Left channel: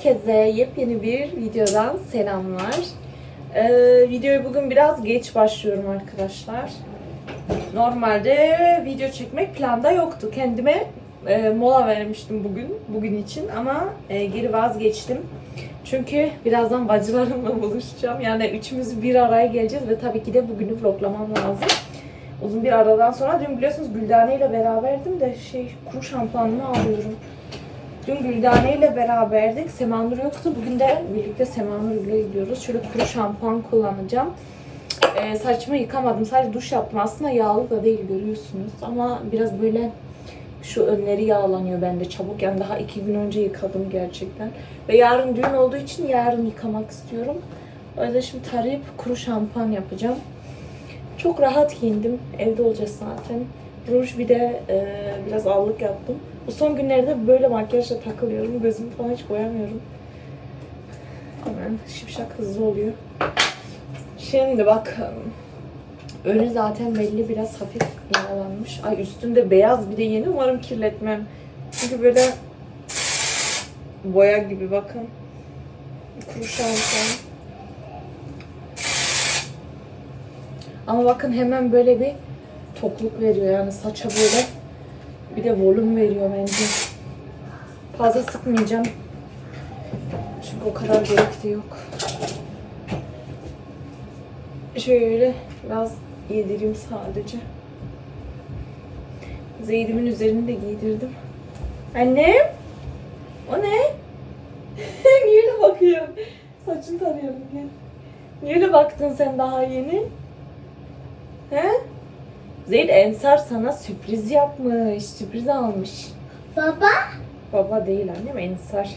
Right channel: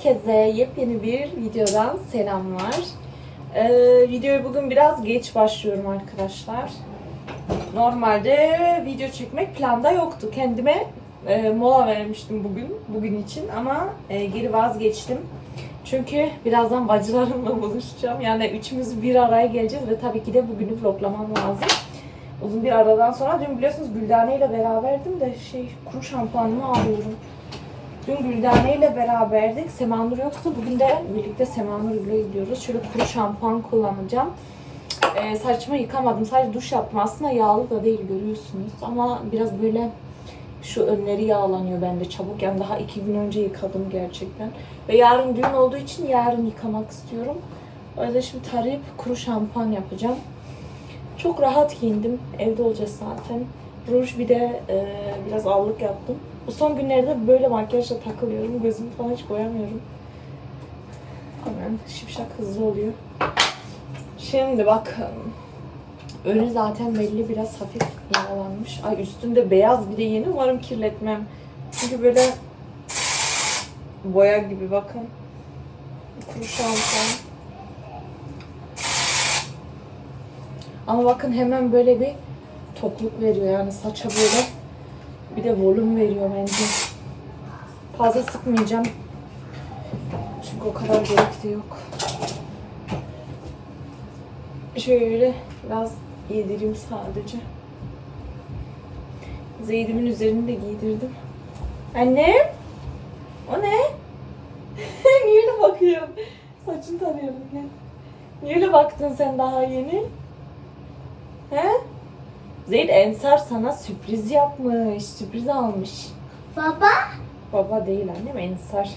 Herkese yepyeni bir videodan selamlar. Ee, videoyu bugün biraz geç başlıyorum arkadaşlar. Normalde video çekmek planda yoktu. Kendime e, mola vermiştim bugün, bugün için ama e, geri vazgeçtim. Çünkü birazdan bacılarımla buluşacağım. Yani üçümüz bir araya geleceğiz ve tabii ki de bugünü vloglamam lazım. Uzun bir aradan sonra dün biliyorsunuz Güldane ile beraberdim de şey kuru şampuanımı alıyorum. Dün Güldane ile beraberdik. Semanur yoktu. Bugün de birlikte Semanur ile gidiyoruz. Şöyle kuru şampuan kullanacağım. Ee, saçımı yıkamadım. Sadece duş yaptım. Aslında yağlı da değil görüyorsunuz. Ama biraz böyle şu önleri yağlanıyor bende çabuk. Yani daha iki gün önce yıkadım gerçekten. Ve yarın düğün olduğu için yarın yıkamak istiyorum. O yüzden şimdi tarayıp kuru şampuan yapacağım. Çok rahat giyindim. Evde olacağız zaten. Ruj bir de e, biraz allık yaptım. Bu son günlerde böyle makyajla takılıyorum. Gözümü falan hiç boyamıyorum. Hemen şipşak hızlı oluyor. Şimdi bakın. Önü zaten belli biraz hafif yağlanmış. Ay üstünde beyaz bir de yeni. Umarım kirletmem. Çünkü böyle boya gibi bakın. Kuru. Ama bakın hemen böyle bir tokluk veriyor yani saça böyle bir de volüm veriyor bence. Fazla sıkmayacağım. Çünkü o kadar gerek de yok. Şöyle biraz yedireyim sadece. Zeydim'in üzerini de giydirdim. Annem? O ne? Niye öyle bakıyorsun? Saçını tarıyorum. Niye öyle baktın sen daha yeni? He? Zeyd Ensar sana sürpriz yapmış. Sürpriz almış. Baba. Baba değil annem Ensar.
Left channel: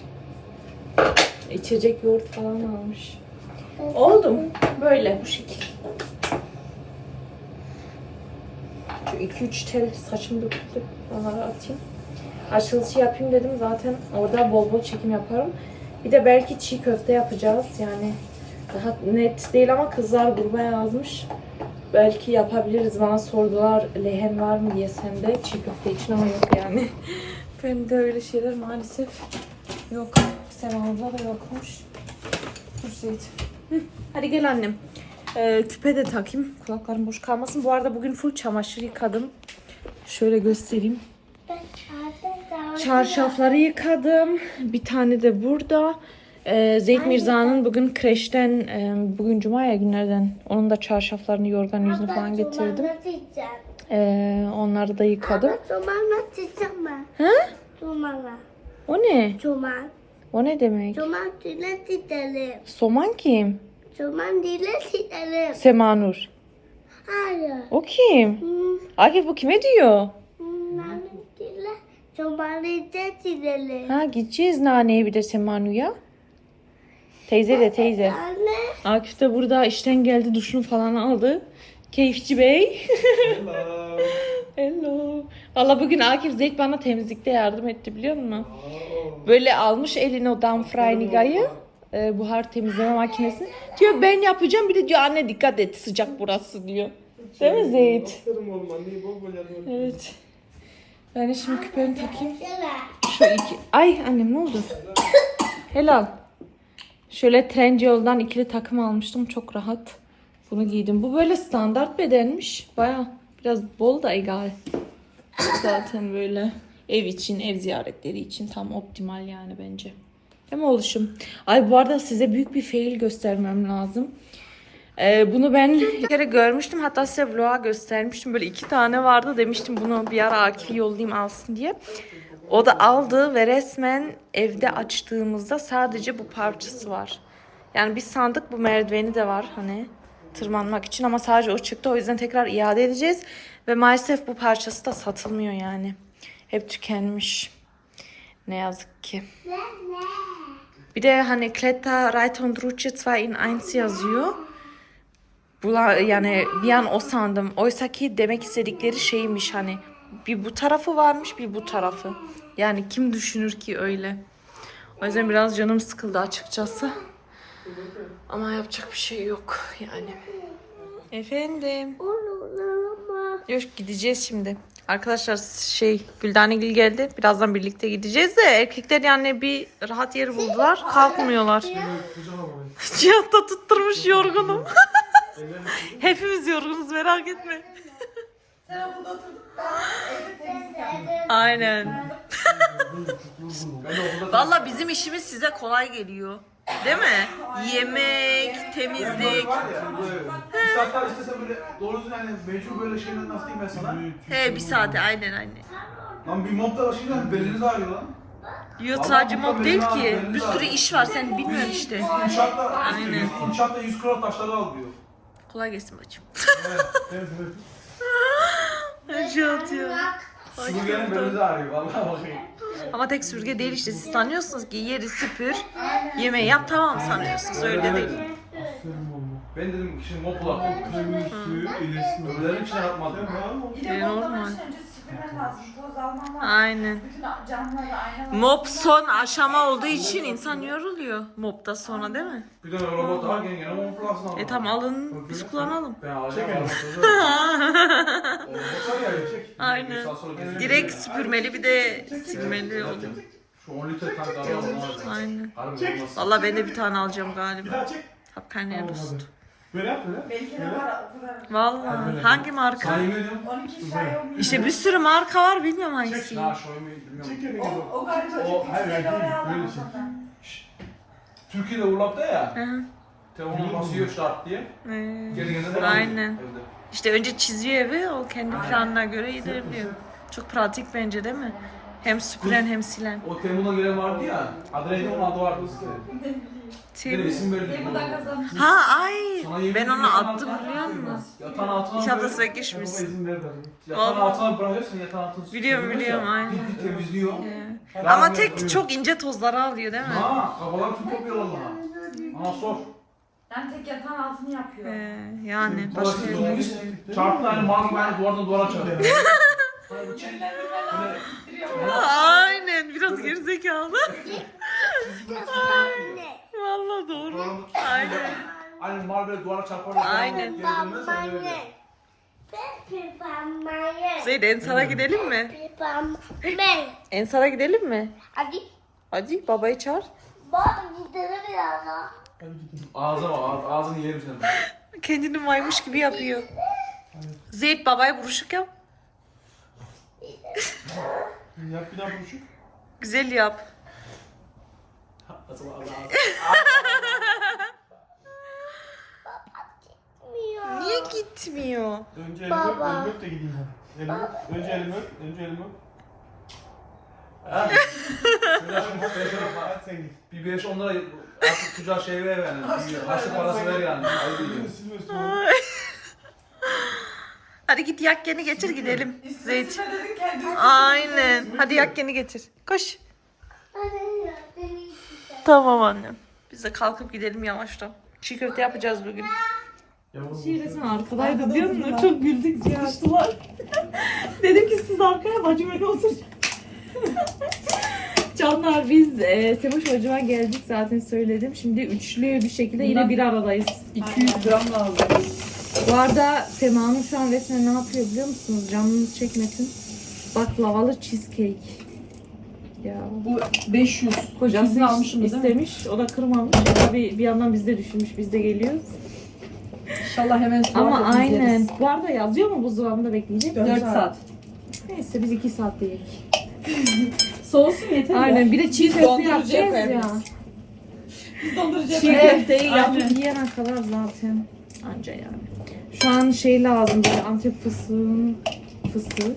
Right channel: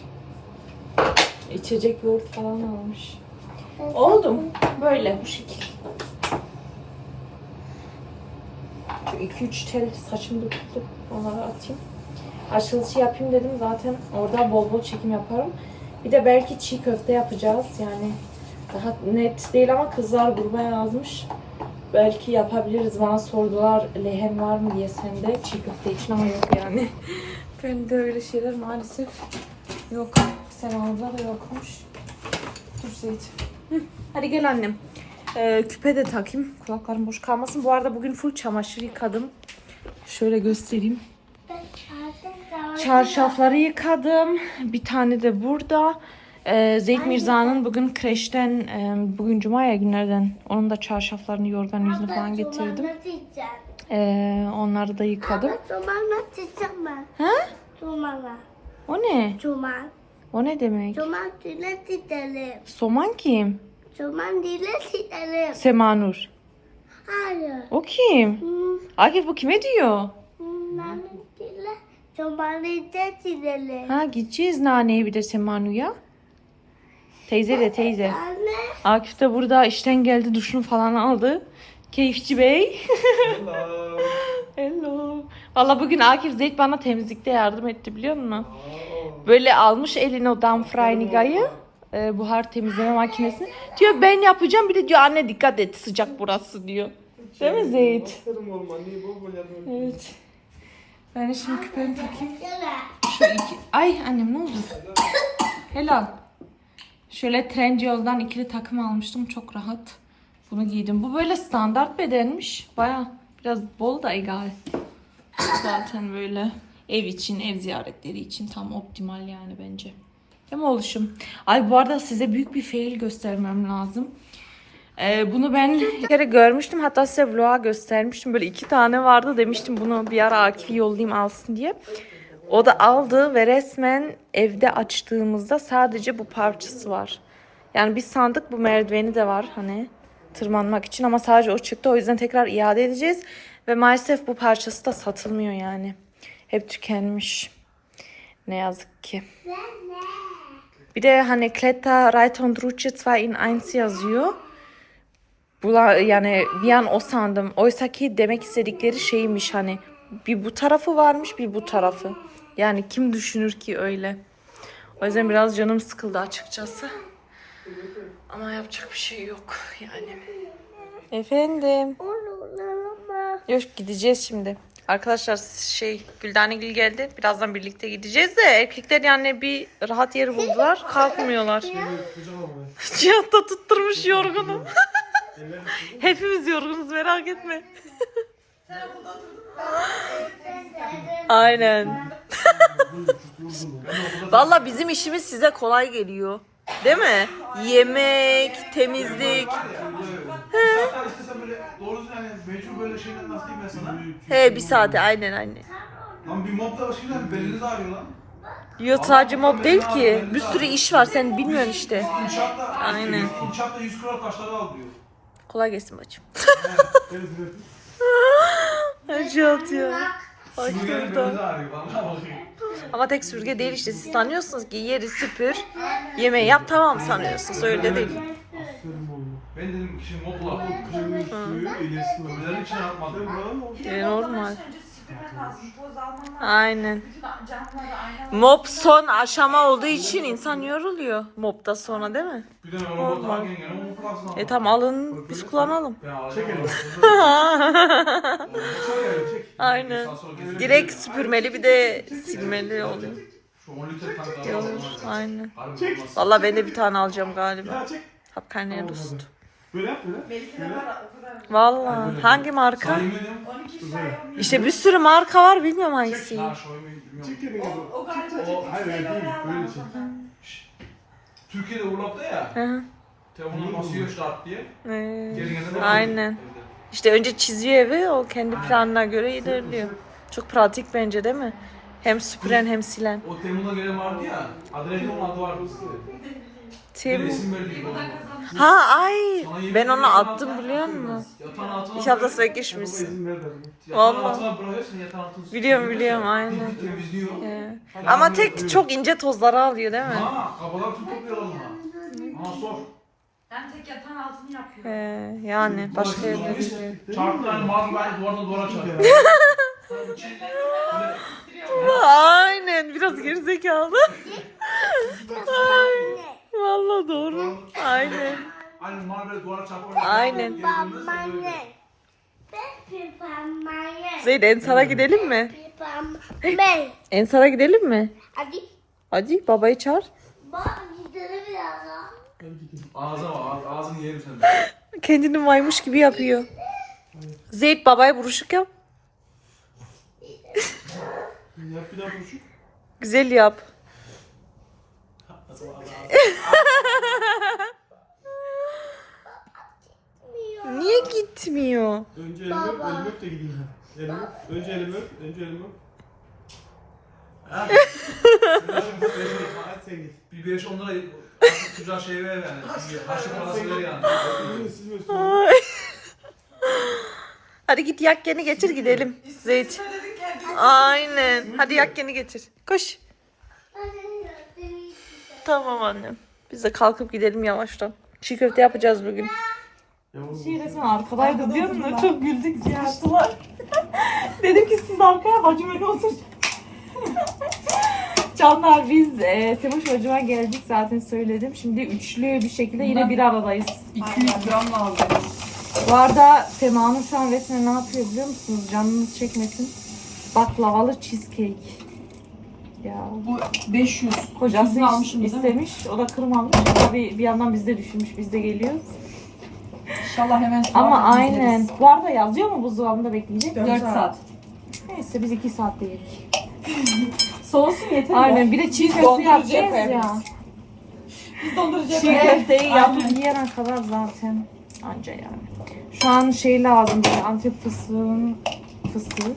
İçecek yoğurt falan almış. Oldu mu? Böyle bu şekil. Şu 2-3 tel saçım döküldü. Onları atayım. Açılışı yapayım dedim. Zaten orada bol bol çekim yaparım. Bir de belki çiğ köfte yapacağız. Yani daha net değil ama kızlar gruba yazmış. Belki yapabiliriz. Bana sordular lehen var mı diye sende çiğ köfte için ama yok yani. ben de öyle şeyler maalesef yok. Sema'da da yokmuş. Dur Zeyt. Hı, Hadi gel annem. Ee, küpe de takayım. Kulaklarım boş kalmasın. Bu arada bugün full çamaşır yıkadım. Şöyle göstereyim. Çarşafları yıkadım. Bir tane de burada. Ee, Zeyd Mirza'nın bugün kreşten, e, bugün cuma ya günlerden. Onun da çarşaflarını, yorgan yüzünü falan getirdim. Ee, onları da yıkadım. Ama Cumanla diyeceğim ben. Ha? Cumanla. O ne? Cuman. O ne demek? Cuman dile gidelim. Soman kim? Cuman dile gidelim. Semanur. Hayır. O kim? Hmm, Akif bu kime diyor? Nane dile. Cuman dile gidelim. Ha gideceğiz naneye bir de Semanu'ya. Teyze de teyze. Anne. Akif de burada işten geldi duşunu falan aldı. Keyifçi Bey. Hello. Hello. Valla bugün Akif Zeyt bana temizlikte yardım etti biliyor musun? Böyle almış eline o Damfreiniga'yı. e, buhar temizleme makinesini. Diyor ben yapacağım bir de diyor anne dikkat et sıcak burası diyor. Değil mi Zeyt? Yardım et. Evet. Ben şimdi küpemi takayım. Şu iki... Ay annem ne oldu? Helal. Şöyle Trendyol'dan ikili takım almıştım. Çok rahat. Bunu giydim. Bu böyle standart bedenmiş. Baya biraz bol da egal. Zaten böyle ev için, ev ziyaretleri için tam optimal yani bence. Değil mi oluşum? Ay bu arada size büyük bir fail göstermem lazım. Ee, bunu ben bir kere görmüştüm. Hatta size vloga göstermiştim. Böyle iki tane vardı. Demiştim bunu bir ara Akif'i yollayayım alsın diye. O da aldı ve resmen evde açtığımızda sadece bu parçası var. Yani biz sandık bu merdiveni de var hani tırmanmak için ama sadece o çıktı. O yüzden tekrar iade edeceğiz. Ve maalesef bu parçası da satılmıyor yani. Hep tükenmiş. Ne yazık ki. Bir de hani Kletta Reiton Druce 2 in 1 yazıyor. Bula, yani bir an o sandım. Oysa ki demek istedikleri şeymiş hani bir bu tarafı varmış bir bu tarafı. Yani kim düşünür ki öyle. O yüzden biraz canım sıkıldı açıkçası. Ama yapacak bir şey yok yani. Efendim. Yok gideceğiz şimdi. Arkadaşlar şey Güldanegil geldi. Birazdan birlikte gideceğiz de erkekler yani bir rahat yeri buldular. Kalkmıyorlar. Cihat da tutturmuş yorgunum. Hepimiz yorgunuz merak etme. Aynen. Valla bizim işimiz size kolay geliyor. Değil mi? Yemek, temizlik. Böyle doğru düzgün hani mecbur böyle şeyler nasıl diyeyim ben sana? He bir saate aynen anne. Lan bir mob da başka şey beliniz ağrıyor lan. Yok sadece mob değil ki. Bir sürü iş var sen bilmiyorsun işte. İnşaatta, inşaatta 100 kilo taşları al diyor. Kolay gelsin bacım. Evet, evet. Acı atıyor. Sürgenin beliniz ağrıyor vallahi bakayım. Ama tek sürge değil işte. Siz sanıyorsunuz ki yeri süpür, yemeği yap tamam sanıyorsunuz. Öyle değil. Ben dedim ki şimdi mob var. Kırmızı suyu iletişim. Öbürlerin içine yapmadım. E, normal. Aynen. Mob son aşama olduğu için insan yoruluyor. Mob'da sonra değil mi? Bir de robot gene. E tamam alın biz kullanalım. Alacağım. Aynen. Direkt süpürmeli bir de silmeli oluyor. Şu 10 litre tank Olur. alalım. Aynen. Vallahi ben de bir tane alacağım galiba. Ya çek. Böyle yap böyle. Böyle. Vallahi hangi marka? Sana yemin ediyorum. İşte bir sürü marka var bilmiyorum hangisi. Ha oyunu bilmiyorum. Çek yerine bak. O galiba O hayır hayır değil. Böyle çek. Türkiye'de Urlap'ta ya. Hı hı. Telefona basıyor start diye. Geri gelene de Aynen. Evde. İşte önce çiziyor evi o kendi planına göre ilerliyor. Çok pratik bence değil mi? Hem süpüren hem silen. O Temu'da gelen vardı ya. Onun adı vardı. Bir da kazandı. Ha ay ben onu attım altına biliyor musun? Yatağın altına ver dedim. Yatağın Vallahi. altına bırakıyorsun yatağın altını Biliyorum, biliyorum, ya, aynen. dik temizliyor. Ee, Yani Ama böyle tek öyle. çok ince tozları alıyor değil mi? Ha kafaları tüm topluyor onlara. Ana sor. Yani tek yatağın altını yapıyor. Ee, yani başka yerler. dolmuş. Çarptı hani mal gibi hani duvardan duvara çarptı. Aynen biraz gerizekalı. Vallahi doğru. Aynen. Hani mal böyle duvara çarpar. Aynen. Öyle. Zeyd Ensar'a gidelim mi? Ensar'a gidelim mi? Hadi. Hadi babayı çağır. Bak gidelim biraz daha. Ağzına bak ağz- ağzını yerim senin. de. Kendini maymuş gibi yapıyor. Zeyd babaya buruşuk yap. Yap bir daha buruşuk. Güzel yap. Niye gitmiyor? Önce elimi öp, elimi öp de gideyim ben. Elimi, önce elimi öp, önce elimi öp. Ha? Hadi sen git. Bir beş onlara artık çocuğa şey ver yani. Bir Harçlık parası ver yani. Ayıp. Hadi git yakkeni getir gidelim. Kendisi? Aynen. Hadi yakkeni getir. Koş. Tamam annem. Biz de kalkıp gidelim yavaştan. Çiğ köfte yapacağız bugün. Yavrum. Şey resmen arkadaydı biliyor musun? Çok güldük çıkıştılar. Dedim ki siz arkaya bacım öyle otur. Canlar biz e, Semuş hocama geldik zaten söyledim. Şimdi üçlü bir şekilde yine bir aradayız. 200 gram lazım. Bu arada Sema'nın şu an resmen ne yapıyor biliyor musunuz? Canınız çekmesin. Baklavalı cheesecake. Ya Bu 500. kocası değil mi? istemiş. O da kırmamış. Tabii bir yandan biz de düşünmüş. Biz de geliyoruz. İnşallah hemen soğuk Ama aynen. yeriz. Bu arada yazıyor mu buzdolabında bekleyecek? 4 saat. Neyse biz 2 saatte yedik. Soğusun yeter Aynen. Bir de çiğ köfte dondurucuya yapacağız koyarız. ya. Biz dondurucuya Çiğ koyarız. köfteyi yapıp yiyene kadar zaten anca yani. Şu an şey lazım böyle Antep fıstığın fıstığı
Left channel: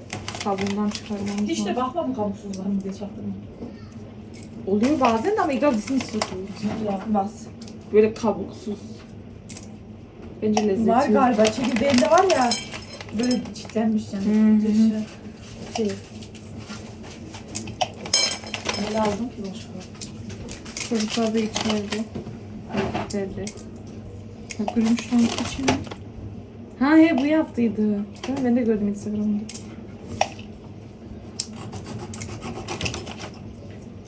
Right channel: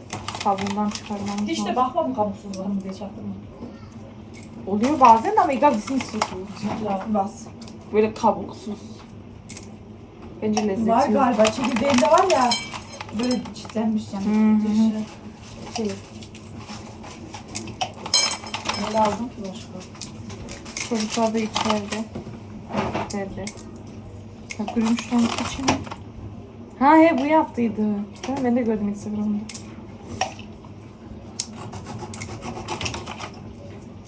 kabuğundan çıkarmamız Hiç de lazım. bakma bu kabuksuz var mı diye çaktırma. Oluyor bazen de ama egal bizim sıkıyor. Bas. Böyle kabuksuz. Bence lezzetli. Var yok. galiba. Çekirdeğinde var ya. Böyle çitlenmiş yani. Hı hı. Dışı. Şey. Ne lazım ki başka? Çocuklar da içeride. Evde. Ha gülmüşten içine. Ha he bu yaptıydı. Değil mi? Ben de gördüm Instagram'da.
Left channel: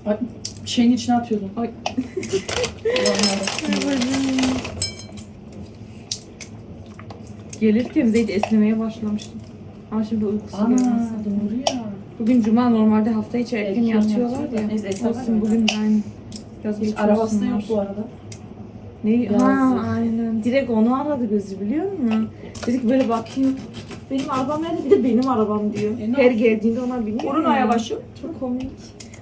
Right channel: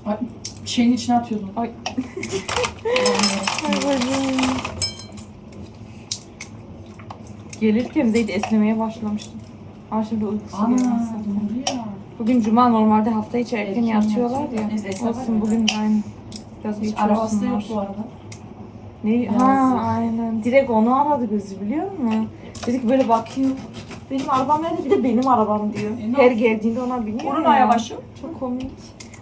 Ay, şeyin içine atıyordum. Ay. Ay bacım. Gelirken Zeyd esnemeye başlamıştım. Ama şimdi uykusu doğru ya. Bugün cuma normalde hafta içi erken, Erken yatıyorlar yatıyorlar. ya. Neyse, esnaf Olsun var bugün aynı. Biraz geç Hiç arabası olsunlar. yok bu arada. Ne? Yazık. Ha aynen. Direkt onu aradı gözü biliyor musun? Dedik böyle bakıyor. Benim arabam nerede? Bir de benim arabam diyor. E, ne Her olsun? geldiğinde ona biniyor. Orun ya. ayabaşı. Çok komik.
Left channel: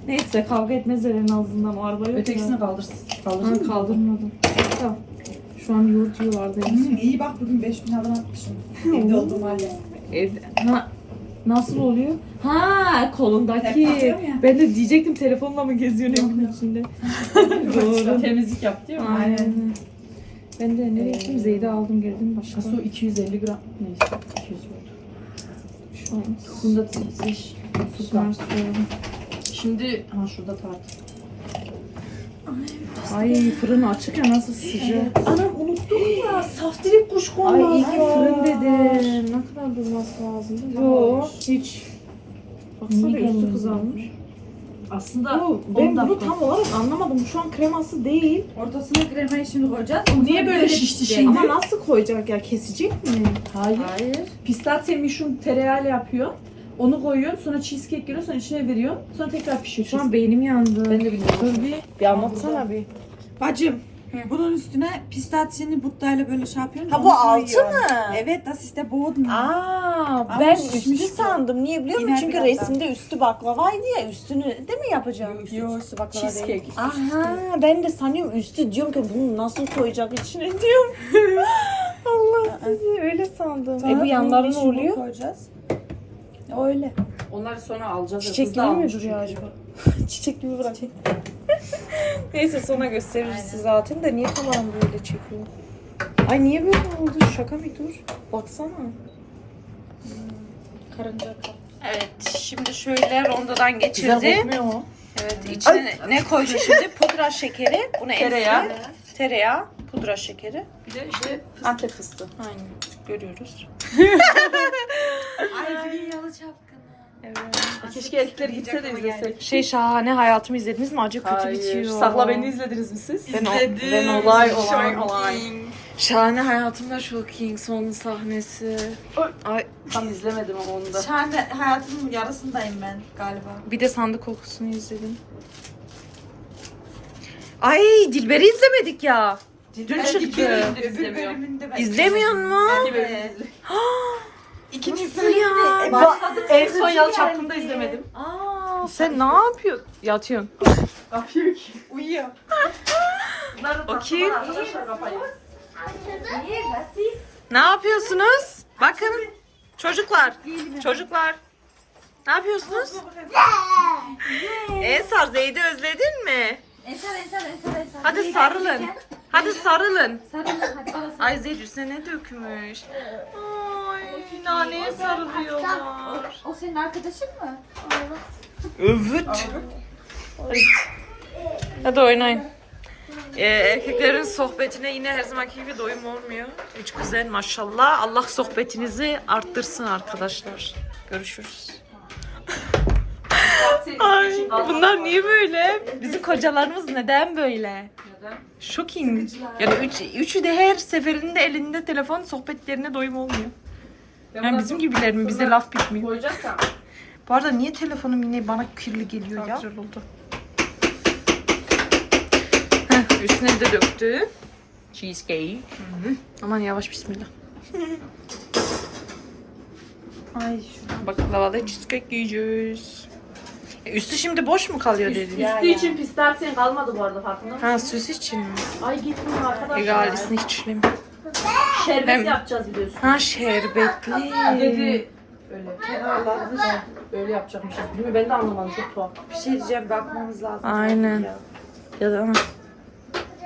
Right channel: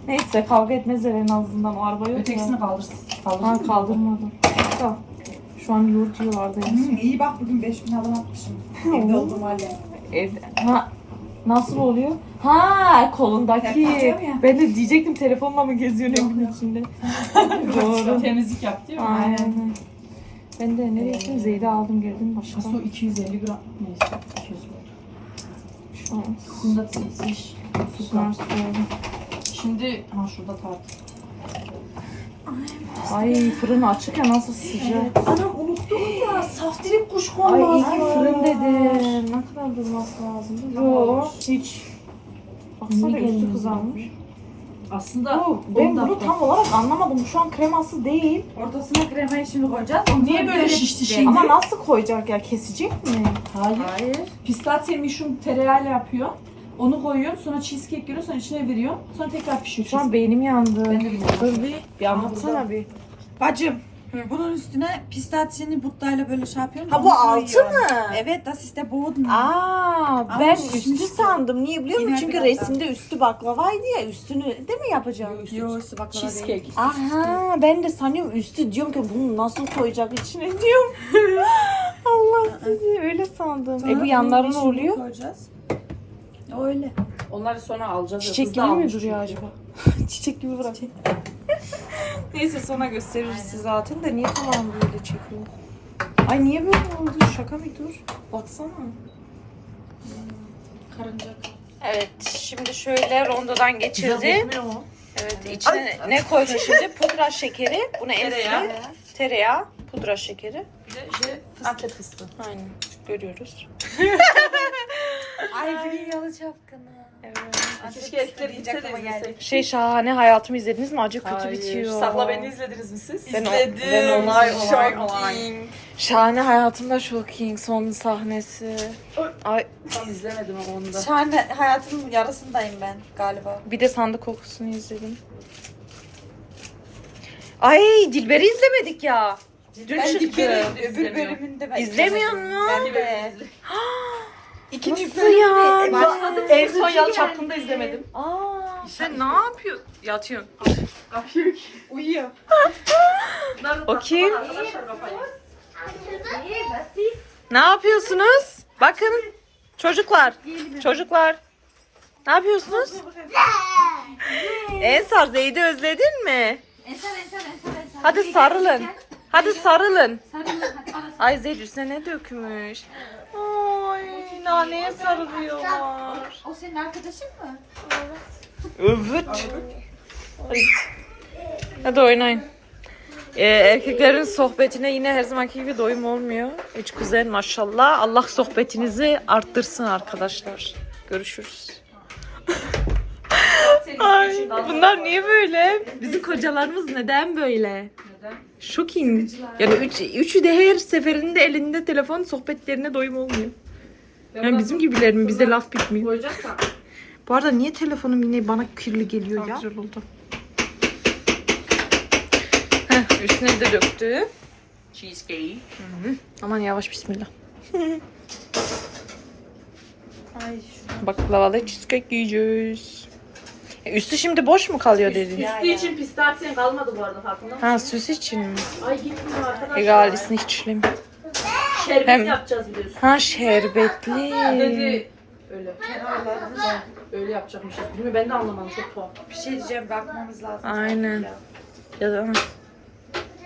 Neyse kavga etmezler en azından o araba yok ya. kaldırsın. Ha Kaldırsın. kaldırmadım. Tamam. Şu an yurduyorlardı. Hmm, iyi bak bugün 5000 havan atmışım. Evde olduğum halde. Evde. Ha nasıl oluyor? Ha kolundaki. Ben de diyecektim telefonla mı geziyorsun evin içinde? Doğru. Temizlik yaptı ya. Aynen. Ben de nereye gittim? Zeyde aldım geldim başka. Su 250 gram. Neyse 200 gram. Şu an Bunda titriş. süper. Şimdi ha şurada tart. Ay fırın açık ya nasıl sıcak. Anam unuttum ya. Saftirik kuşku Ay iyi ki fırın dedim. Ne kadar durması lazım? Yok hiç. Baksana üstü kızarmış. Aslında Bu, 10 ben bunu tam olarak anlamadım. Şu an kreması değil. Ortasına kremayı şimdi koyacağız. Niye böyle şişti şimdi? Ama nasıl koyacak ya? Kesecek mi? Hayır. Hayır. Pistasya mişum tereyağıyla yapıyor. Onu koyuyorsun, sonra cheesecake giriyor, sonra içine veriyorsun. Sonra tekrar pişiyor. Şu an beynim yandı. Ben de bilmiyorum. Dur bir. Bir anlatsana bir. Bacım. Bunun üstüne pistasyeni buttayla böyle şey yapıyorum. Ha, bu altı mı? Evet, das ist der Boden. Aa, Ama ben üstü sandım. Niye biliyor musun? İner Çünkü biraz resimde üstü baklavaydı ya. Üstünü de mi yapacağım? Yok, üstü baklava değil. Cheesecake. Aha, ben de sanıyorum üstü diyorum ki bunu nasıl koyacak içine diyorum. Allah sizi öyle sandım. Sonra e bu yanları ne mişumu oluyor? koyacağız. Öyle. Onları sonra alacağız. Çiçek gibi mi duruyor acaba? Çiçek gibi bırak. Neyse sonra gösteririz size zaten de niye falan böyle çekiyor? Ay niye böyle oldu? Şaka bir dur. Baksana. Karınca. Evet şimdi şöyle rondodan geçirdi. Evet içine ne koydu şimdi? Pudra şekeri. Bunu Tereyağı. Tereyağı. Pudra şekeri. Bir de işte Antep fıstığı. Aynen. Görüyoruz. Ay, yalı çapkını. Evet. Keşke erkekler gitse de izlesek. Şey şahane hayatımı izlediniz mi? Acı kötü Hayır. bitiyor. Sakla beni izlediniz mi siz? Ben o, ben Olay olay olay. Şahane hayatımda shocking son sahnesi. Ay Tam izlemedim onu da. Şahane hayatımın yarısındayım ben galiba. bir de sandık kokusunu izledim. Ay Dilber'i izlemedik ya. Dün çıktı. Öbür bölümünde ben. İzlemiyor mu? İkinci Nasıl ya? En son yalı çapkında izlemedim. Aa, sen ne yapıyorsun? Yatıyorsun. Uyuyor. O kim? Ne yapıyorsunuz? Bakın. Çocuklar. Çocuklar. Ne yapıyorsunuz? Ensar Zeyd'i özledin mi? Ensar, ensar, ensar, ensar. Hadi sarılın. Hadi sarılın. Sarılın, hadi Ay Zeyd üstüne ne dökmüş? Ay naneye sarılıyorlar. O senin arkadaşın mı? Evet. Hadi. Hadi oynayın. Ee, erkeklerin sohbetine yine her zamanki gibi doyum olmuyor. Üç güzel maşallah. Allah sohbetinizi arttırsın arkadaşlar. Görüşürüz. Ay, bunlar niye böyle? Bizim kocalarımız neden böyle? Shocking. Yani üç, üçü de her seferinde elinde telefon sohbetlerine doyum olmuyor. Yani bizim gibiler mi? Bize laf bitmiyor. Koyacaksan. Bu arada niye telefonum yine bana kirli geliyor ya? Güzel oldu. Heh, üstüne de döktü. Cheesecake. Hı hı. Aman yavaş bismillah. Ay şu Baklavalı cheesecake yiyeceğiz. E, üstü şimdi boş mu kalıyor dedin? Üstü için pistasyen kalmadı bu arada farkında mısın? Ha süs için mi? Ay gitmiyor arkadaşlar. Egalisini hiçliyim. Şerbet Hem- yapacağız biliyorsun. Ha şerbetli. Dedi öyle. Kenarlarını da öyle yapacakmışız. Değil mi? Ben de anlamadım. Çok tuhaf. bir şey diyeceğim bakmamız lazım. Aynen. Ya da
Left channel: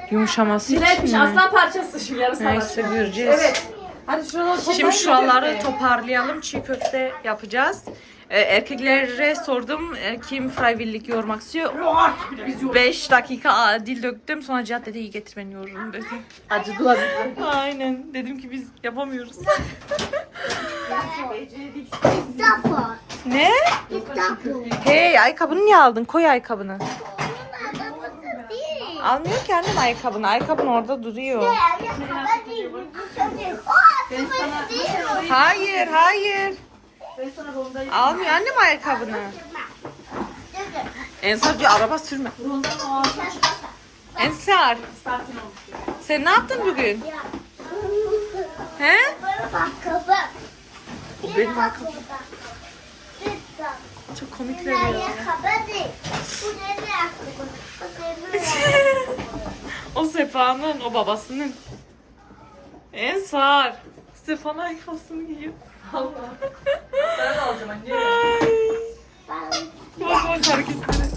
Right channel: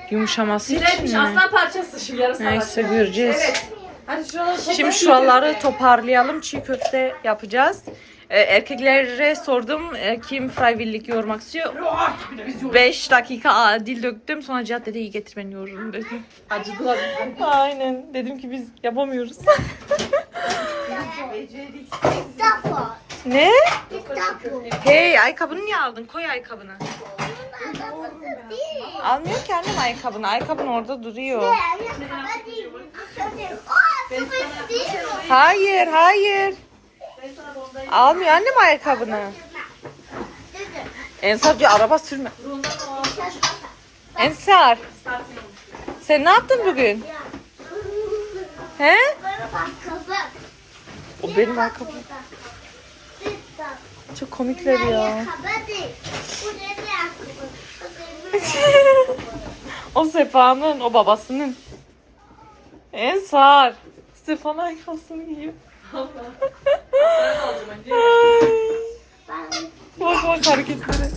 yumuşaması için Güzelmiş. mi? Aslan parçası şu yarısı Neyse göreceğiz. Evet. Hadi şuraları Şimdi şuraları toparlayalım. Çiğ köfte yapacağız. Ee, erkeklere sordum e, kim fryvillik yoğurmak istiyor. 5 dakika dil döktüm. Sonra Cihat dedi iyi getir ben yoğururum dedi. Acıdılar. Aynen. Dedim ki biz yapamıyoruz. Kitap ne? Hey ayakkabını niye aldın? Koy ayakkabını. Almıyor ki annem ayakkabını. Ayakkabın orada duruyor. Mi? Hayır hayır. Almıyor annem ayakkabını. Ensar diyor araba sürme. Ensar. Sen ne yaptın bugün? He? O benim ayakkabım. Çok komikler ya. O Sefa'nın, o babasının. Ensar. Sefa'nın ayakkabısını giyiyor. Ay. Ben Bak bak hareketleri.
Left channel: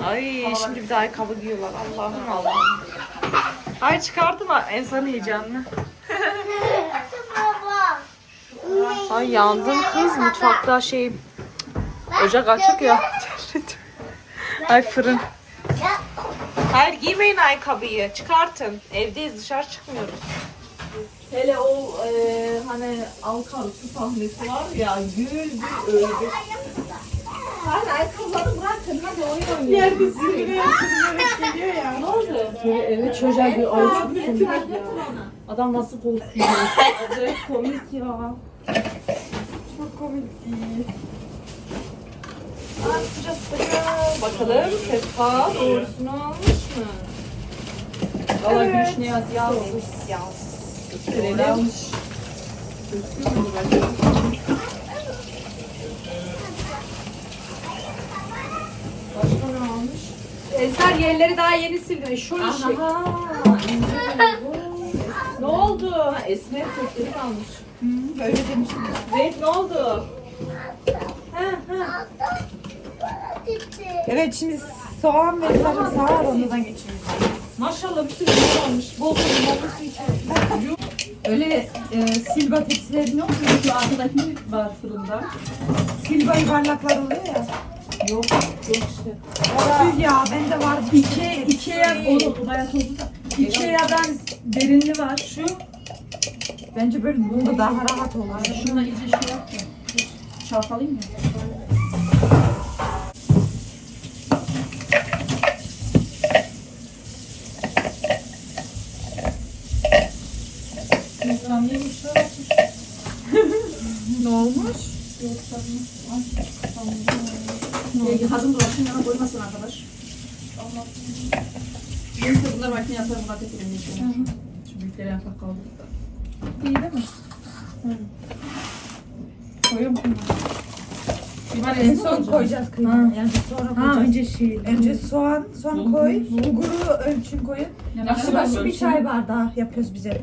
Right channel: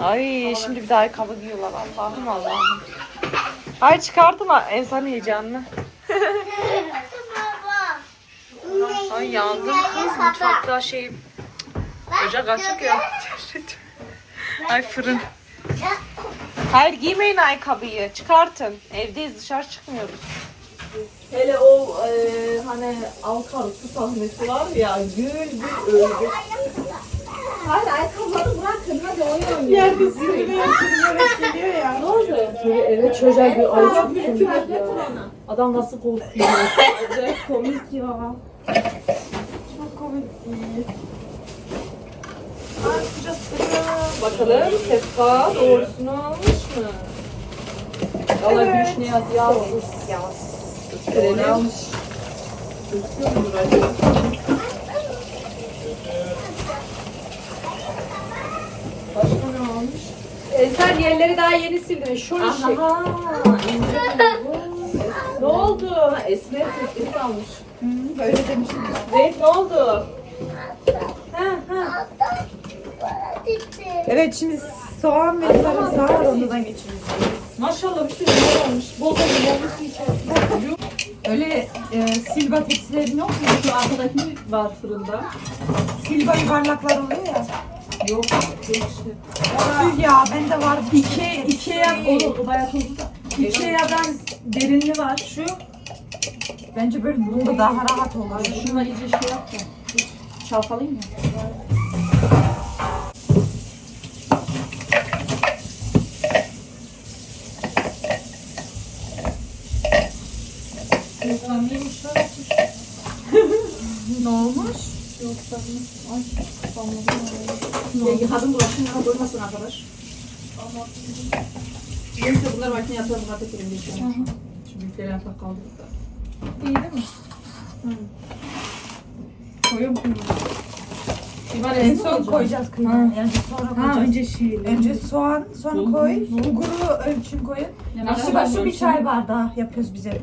Ay şimdi bir de ayakkabı giyiyorlar. Allah'ım Allah'ım. Ay çıkartın Ensar'ın heyecanını. Ay yandım kız mutfakta şey ocak açık ya. Ay fırın. Hayır giymeyin ayakkabıyı. Çıkartın. Evdeyiz dışarı çıkmıyoruz. Hele o e, hani Alkar su sahnesi var ya gül gül öldü. Hayır ayakkabıları bırakın hadi oyun oynayın. Yerde zirveye geliyor ya. Ne oldu? Böyle eve çocuğa bir ay çok komik ya. Adam nasıl korkuyor. Acayip komik ya. Çok komik değil. Ay sıcak sıcak. Bakalım Sefa doğrusunu almış mı? Valla gülüş ne yazdı? Yazsız. Yazsız. Gösterelim. Almış. Gözüküyor? Başka ne almış? Eser yerleri daha yeni sildin. Şu işi. Aha. ne oldu? Ha, Esmer tepkili almış. Böyle demiştim. Zeynep ne oldu? Ha ha. Evet şimdi soğan ve sarımsağı rondodan geçiriyoruz. Maşallah bir sürü limon olmuş. Bol da limonlu su içiyor. Öyle e, silba tepsilerin yok mu? Şu arkadaki var fırında. Silba yuvarlaklar oluyor ya. Yok yok işte. Tüh ya bende var. İki, ikiye o, o bayağı tozlu da. Ikea'dan derinli var. Şu. Bence böyle bunda daha rahat olur. Şununla iyice şey yap da. Çalkalayayım ya. Ne olmuş? Ee, kadın bulaşın yana koymasın arkadaş. Neyse bunlar makineye atar bunlar tek elimde işlemez. Şu büyükleri yaprak kaldırdık da. İyi değil mi? Koyuyor mu? İman En son koyacağız kıymayı. Yani sonra koyacağız. önce şey. Önce soğan, sonra koy. Bulguru ölçün koyun. İşte başı bir çay bardağı yapıyoruz bize.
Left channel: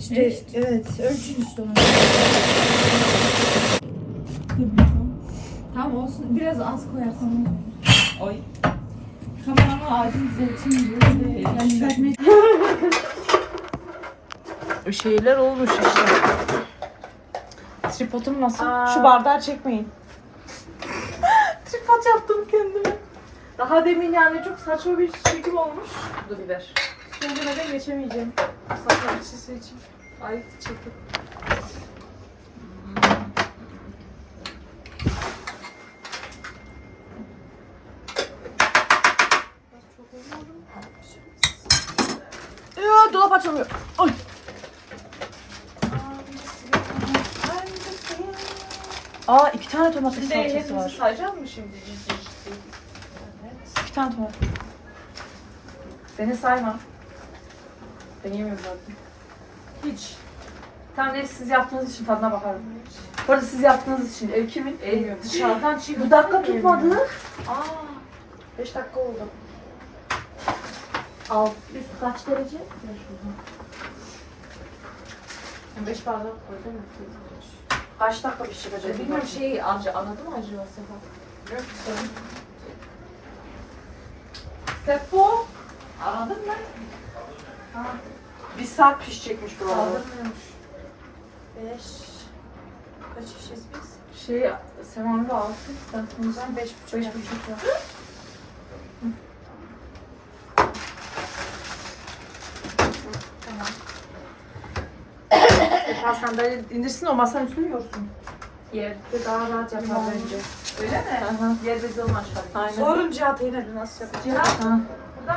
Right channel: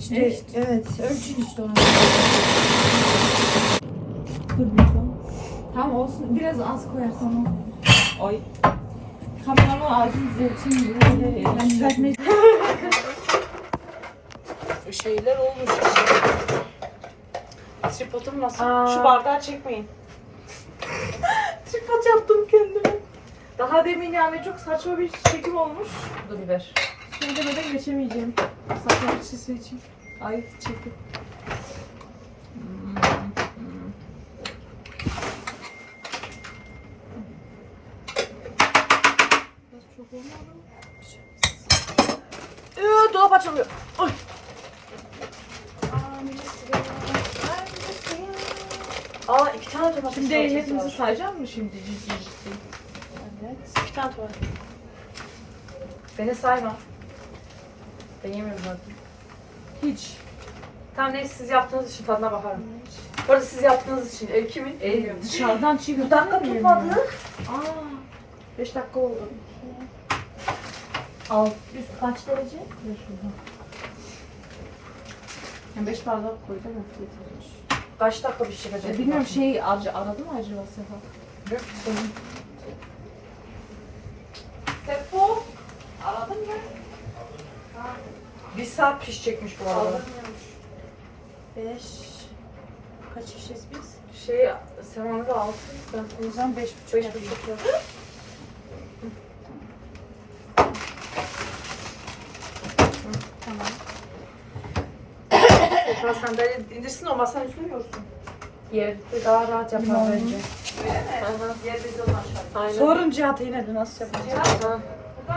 İşte evet, ölçün işte onu. Tamam olsun. Biraz az koyarsan. Ay. Kameramı ağacın zeytin Yani düzeltmeye Bir şeyler olmuş. Tripodum nasıl? Aa. Şu bardağı çekmeyin. Tripod yaptım kendime. Daha demin yani çok saçma bir çekim olmuş. Dur biber. Söylemeden geçemeyeceğim. Saçma bir şey için. Ay çekim. Ee, dolap açılmıyor. Ay. Aa iki tane domates Şimdi salçası hepimizi sayacak mı şimdi? Evet. İki tane var. Beni sayma. Ben yemiyorum zaten. Hiç. Tamam neyse siz yaptığınız için tadına bakarım. Bu arada siz yaptığınız için ev kimin? Ev Dışarıdan çiğ Bu dakika tutmadı. Aa, 5 dakika oldu. Al. Biz kaç derece? Beş bardak koydum mu? Kaç dakika pişirecek? E, bilmiyorum şey acı aradı mı acı o sefer? Sepo. Aradın mı? Bir saat pişecekmiş bu arada. 5 Kaç kişiyiz biz? Şey, 6. O zaman 5 buçuk 5 yapayım. buçuk yok. Tamam. Esma sandalye İndirsin o masanın üstüne yorsun. yerde daha rahat yapar bence. Öyle mi? Yerde onu aşağı. Sorun Cihat'a yine de nasıl yapacağız? Ha.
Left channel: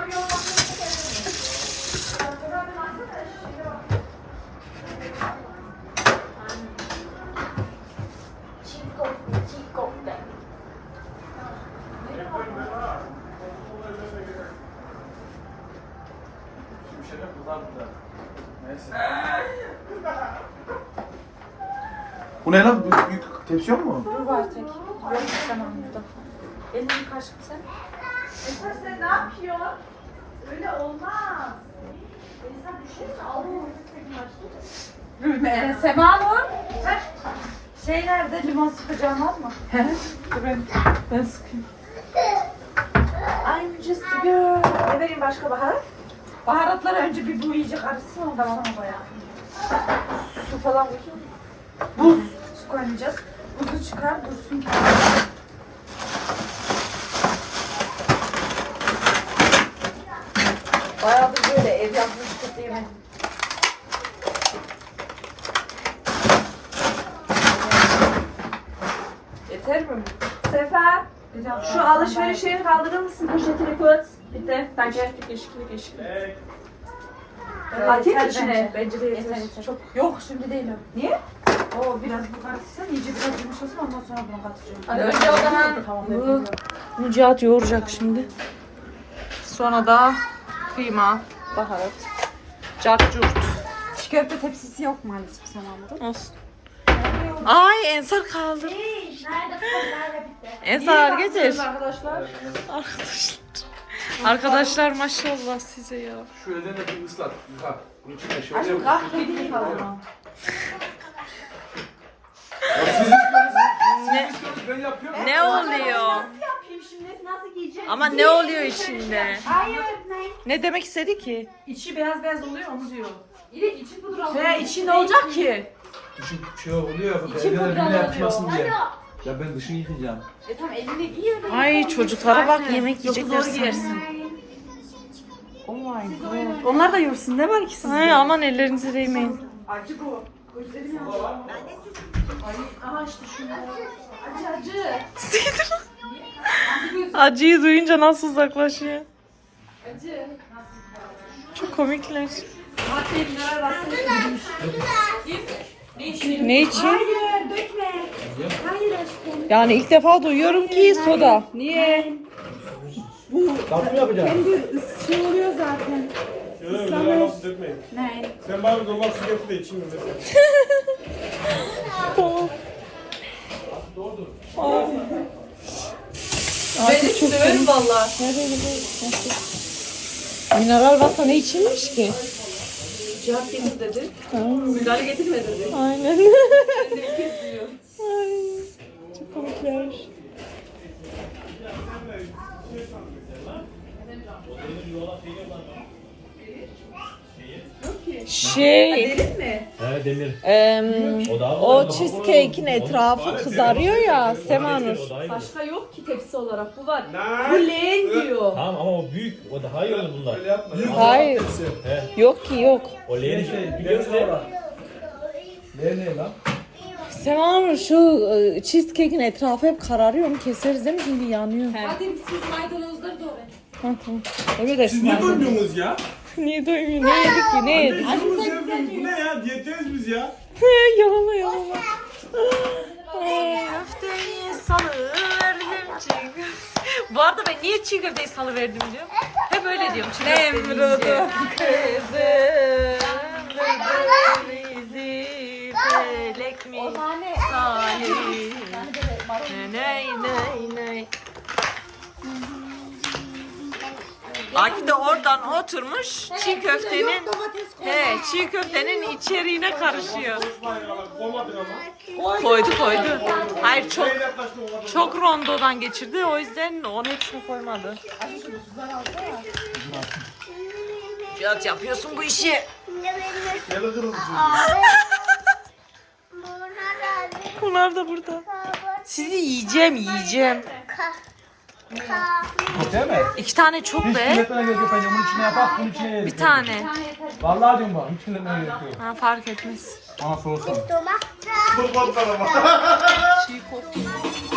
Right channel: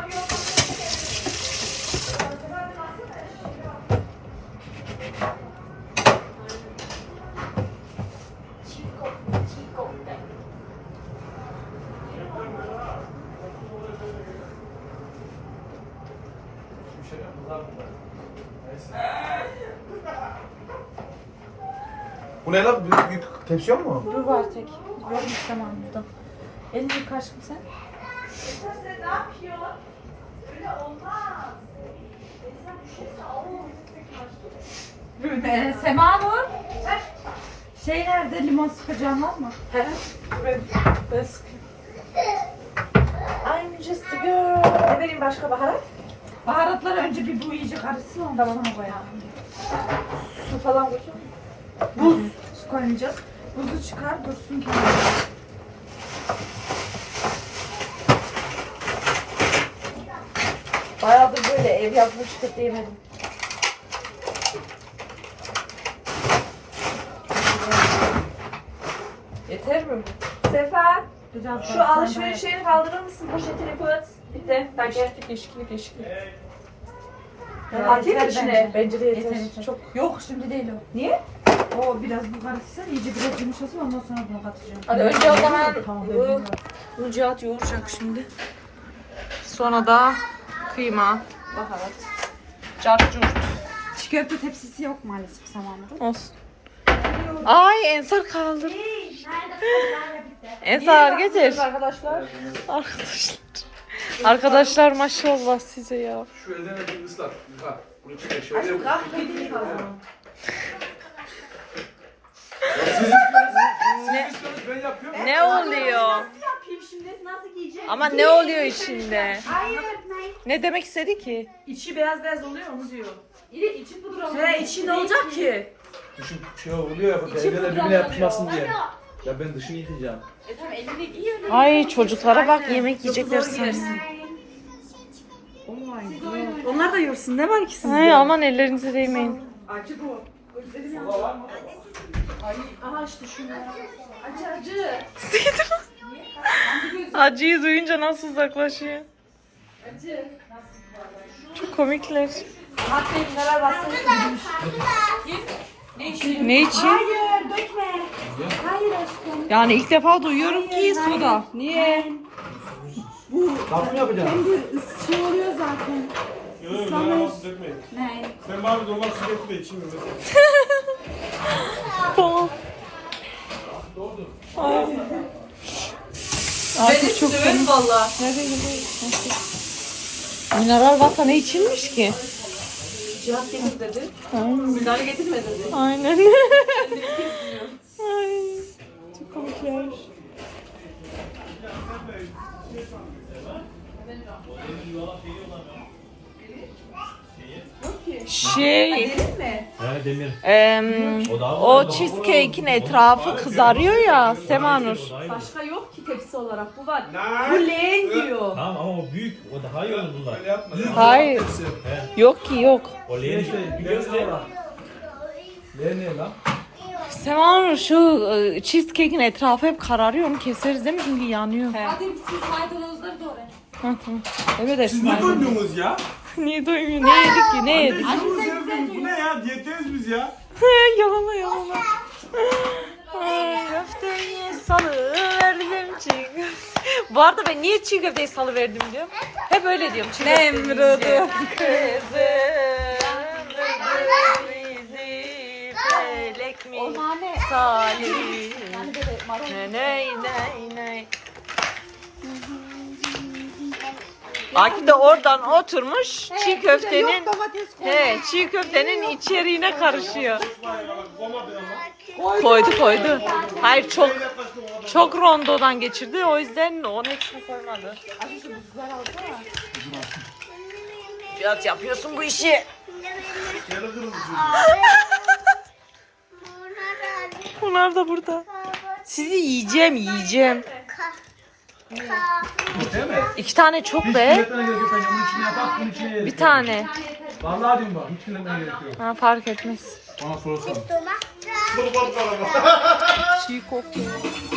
bir Bu ne lan? Büyük tepsi yok mu? Bu var tek. Yok istemem burada. Elini yıka aşkım sen. Sen ne yapıyorsun? Öyle olmaz. Ee, Sema Nur. Şey nerede limon sıkacağım atma. Ben sıkıyorum. I'm just a girl. Ne vereyim başka baharat? Baharatlar önce bir bu iyice karışsın ondan sonra koyalım. Su falan koyayım. Buz. Su koymayacağız. Buzu çıkar dursun kenara. Bayağıdır böyle ev yapmış kötü yemedim. Yeter mi? Sefa, Biraz şu alışveriş şeyini kaldırır mısın? Poşetini koyat. Bitti. Bence. Eşki, eşki. Atayım mı içine? bence. De yeter. Çok. Yok şimdi değil o. Niye? O biraz bu karışsın, iyice biraz yumuşasın ondan sonra bunu katacağım. Hadi önce o zaman Tamam, bu. Mücahit yoğuracak şimdi. Sonra da kıyma, baharat, cacurt. Çiğ köfte tepsisi yok maalesef Semanur'un. Olsun. Ay Ensar kaldır. Ensar getir. arkadaşlar. Arkadaşlar. Arkadaşlar maşallah size ya. Şu elden de bir ıslat. Yıkar. Bunun içine şöyle yap. Ne, Ben yapıyorum. Ne oluyor? Ama ne oluyor içinde? Ne demek istedi ki? İçi beyaz beyaz oluyor onu diyor. İçi pudra Veya içi ne olacak ki? Düşün şey oluyor ya. İçi pudra oluyor. diye. Ya ben dışını yıkayacağım. E tamam elini giy. Ay çocuklara bak yemek yiyecekler sanırım. yersin. Onlar da yiyorsun değil mi ikisi? Ay aman ellerinize değmeyin. Acı bu. Gözlerim Acı acı. Acıyı duyunca nasıl uzaklaşıyor? Acı. Çok komikler. Ne için? Hayır dökme. Hayır aşkım. Yani ilk defa duyuyorum ki soda. Niye? Tatlı mı yapacağım? Hem de ıs- şey oluyor zaten. Yok yok nasıl dökmeyin. Ne? Sen normal su getir de içeyim mi mesela? De çok severim valla. Mineral varsa ne içilmiş ki? Cihat getir dedi. Müdahale getirme dedi. Aynen. Ay, çok komikler. Şey, Derin mi? He demir. em, O daha o cheesecake'in etrafı kızarıyor ya Semanur. Başka yok ki tepsi olarak. Bu var. Bu leğen diyor. Tamam ama o büyük. O daha iyi olur bunlar. Öyle yapma. ya. Hayır. He. Yok ki yok. O leğen işte biliyorsun mi? Ne ne lan? Semanur şu e, cheesecake'in etrafı hep kararıyor mu? Keseriz değil mi? Şimdi yanıyor. Hadi siz maydanozları doğrayın. Hı hı. Öyle de Siz niye duymuyorsunuz ya? Niye doymuyor? Ne yedik ki? Ne yedik? Acımız sevdim. Bu ne ya? Diyetteyiz biz ya. yalala yalala. Ay köfteyi salıverdim çiğ köfte. Bu arada ben niye çiğ köfteyi salıverdim diyorum. Hep öyle diyorum çiğ köfte deyince. Kızım bizi felek mi salih ne ne ne ne Aki de oradan oturmuş çiğ köftenin he çiğ köftenin içeriğine karışıyor. Koydu koydu. Hayır çok çok rondodan geçirdi o yüzden onun hepsini koymadı. Cihat yapıyorsun bu işi. Bunlar da burada. Sizi yiyeceğim yiyeceğim. Değil mi? İki tane çok be. Ekmeğe gerek yok. Bunun içine yapak, bunun içine yeriz. Bir tane. Vallahi diyorum bak. Hiç ekmeğe gerek yok. Ha, fark etmez. Bana sorarsan. Ama. Çiğ kokuyor.